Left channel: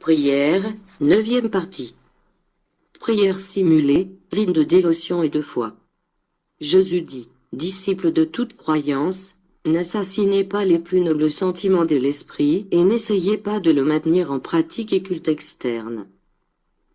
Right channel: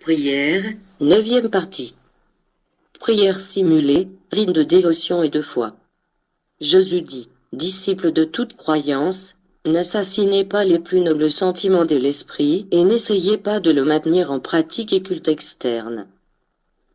Prière, 9e partie. Prière simulée, vie de dévotion et de foi. Jésus dit, disciples de toute croyance, n'assassinez pas les plus nobles sentiments de l'esprit et n'essayez pas de le maintenir en pratique et culte externe.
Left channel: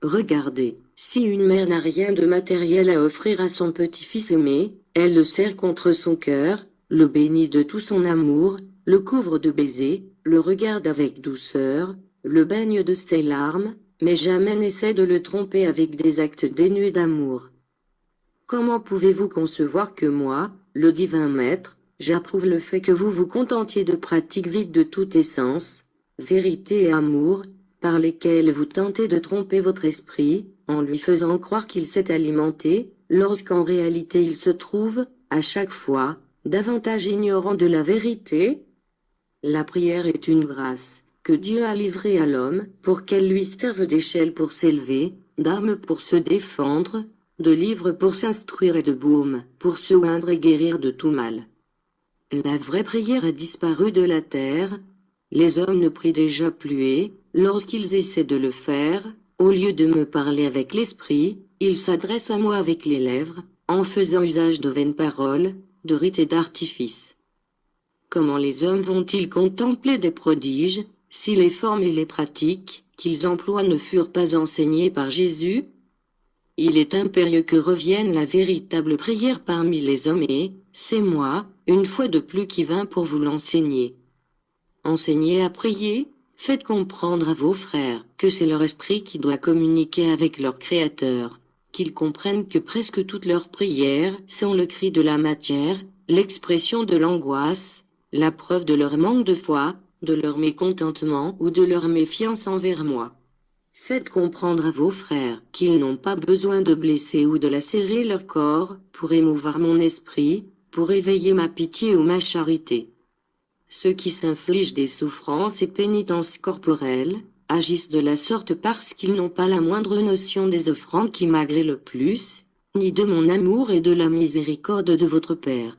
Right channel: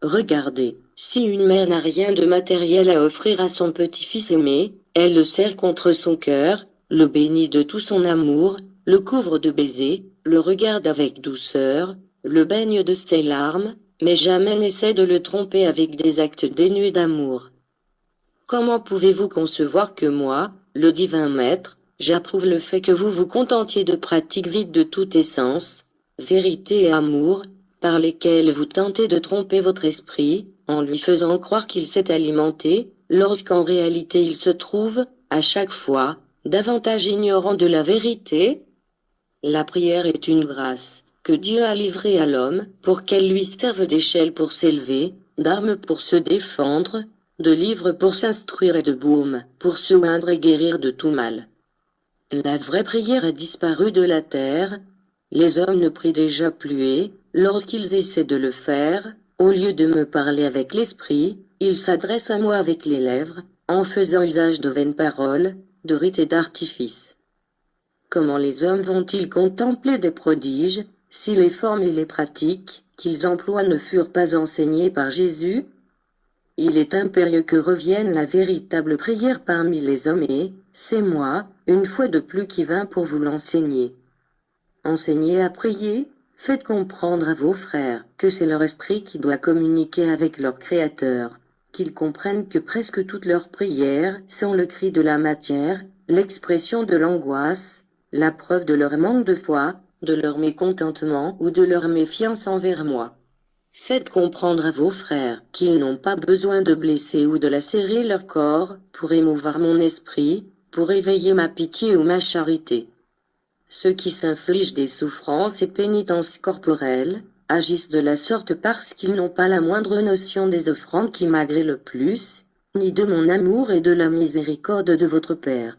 Regardez, si une mère n'a rien de matériel à offrir à son petit-fils aimé, elle le serre contre son cœur, le bénit de tout son amour, le couvre de baisers, le regarde avec douceur, le baigne de ses larmes, mais jamais n'essaie de le tromper avec des actes dénués d'amour. Comment pouvez-vous concevoir que moi, le divin maître, j'approuve le fait que vous vous contentiez de pratiques vides de toute essence, vérité et amour, par lesquelles vous tentez de tromper votre esprit, en lui faisant croire qu'il s'est alimenté, lorsqu'en réalité il se trouve, à chaque fois, davantage ignorant de la vérité? La prière est une grâce, que Dieu a livrée à l'homme, pour qu'elle lui serve d'échelle pour s'élever, d'arme pour se défendre, de livre pour s'instruire et de baume pour se oindre et guérir de tout mal. La vraie prière a disparu de la terre. Les hommes ne prient déjà plus et, lorsqu'ils essaient de le faire, au lieu de me parler avec l'esprit, ils s'adressent à moi avec les lèvres, en faisant usage de vaines paroles, de rites et d'artifices. Comment les hommes vont-ils contempler des prodiges, si les formes et les pratiques qu'ils emploient ne furent pas enseignées par Jésus? Il est impérieux que revienne la véritable prière parmi les hommes et, c'est moi, une fois de plus qui vint pour vous l'enseigner. Enseignez à prier, faites comprendre à vos frères que c'est leur esprit qui doit communiquer avec leur Créateur, qu'ils comprennent que presque toutes leurs prières sont le cri de la matière, l'expression de l'angoisse, la preuve de leur manque de foi, de leur mécontentement ou de leur méfiance envers moi. Faites comprendre à vos frères qu'ils n'ont pas besoin de blesser ou de lacérer leur corps pour émouvoir mon esprit, pour éveiller ma pitié ou ma charité. Ceux qui s'infligent des souffrances et pénitences corporelles agissent de la sorte parce qu'ils n'ont pas la moindre notion des offrandes qui m'agréent le plus, ni de mon amour et de la miséricorde de votre Père.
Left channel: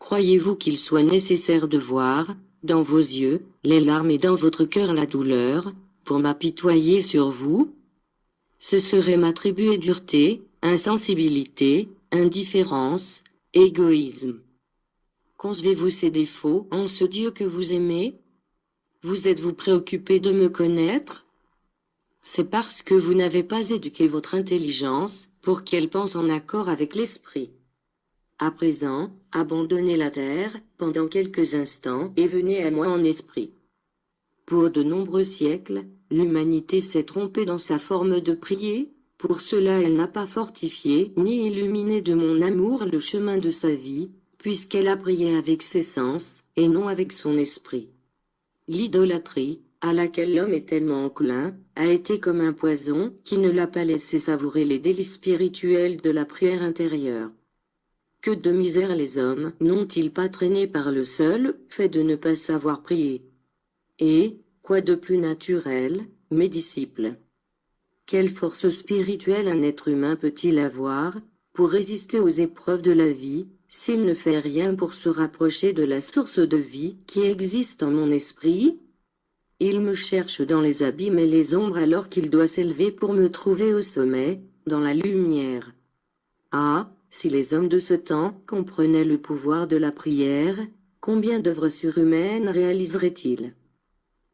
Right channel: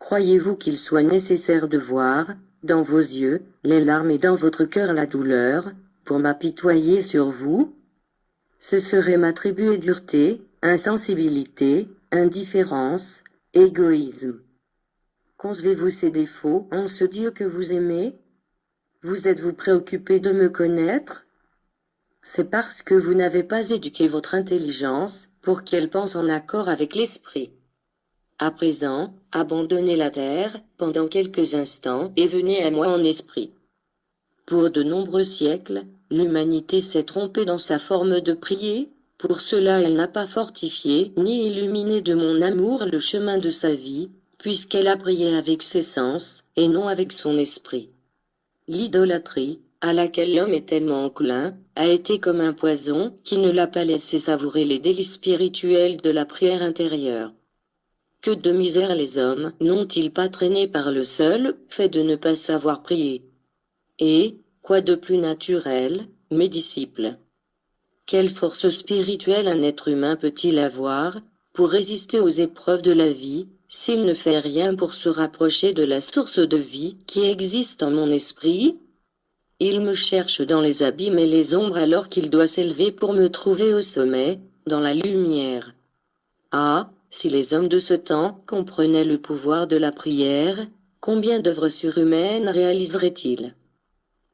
Croyez-vous qu'il soit nécessaire de voir, dans vos yeux, les larmes et dans votre cœur la douleur, pour m'apitoyer sur vous? Ce serait m'attribuer dureté, insensibilité, indifférence, égoïsme. Concevez-vous ces défauts en ce Dieu que vous aimez? Vous êtes-vous préoccupé de me connaître? C'est parce que vous n'avez pas éduqué votre intelligence pour qu'elle pense en accord avec l'esprit. À présent, abandonnez la terre pendant quelques instants et venez à moi en esprit. Pour de nombreux siècles, l'humanité s'est trompée dans sa forme de prier, pour cela elle n'a pas fortifié ni illuminé de mon amour le chemin de sa vie, puisqu'elle a prié avec ses sens, et non avec son esprit. L'idolâtrie, à laquelle l'homme est tellement enclin, a été comme un poison qui ne l'a pas laissé savourer les délices spirituels de la prière intérieure. Que de misère les hommes n'ont-ils pas traîné par le seul fait de ne pas savoir prier? Et, quoi de plus naturel, mes disciples? Quelle force spirituelle un être humain peut-il avoir, pour résister aux épreuves de la vie, s'il ne fait rien pour se rapprocher de la source de vie qui existe en mon esprit? Il me cherche dans les abîmes et les ombres alors qu'il doit s'élever pour me trouver au sommet, dans la lumière. Ah, si les hommes de ce temps comprenaient le pouvoir de la prière, combien d'œuvres surhumaines réaliseraient-ils?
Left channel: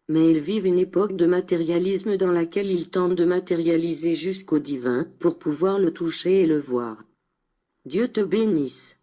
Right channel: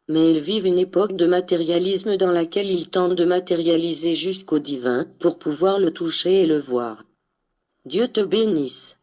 Mais ils vivent une époque de matérialisme dans laquelle ils tentent de matérialiser jusqu'au divin pour pouvoir le toucher et le voir. Dieu te bénisse.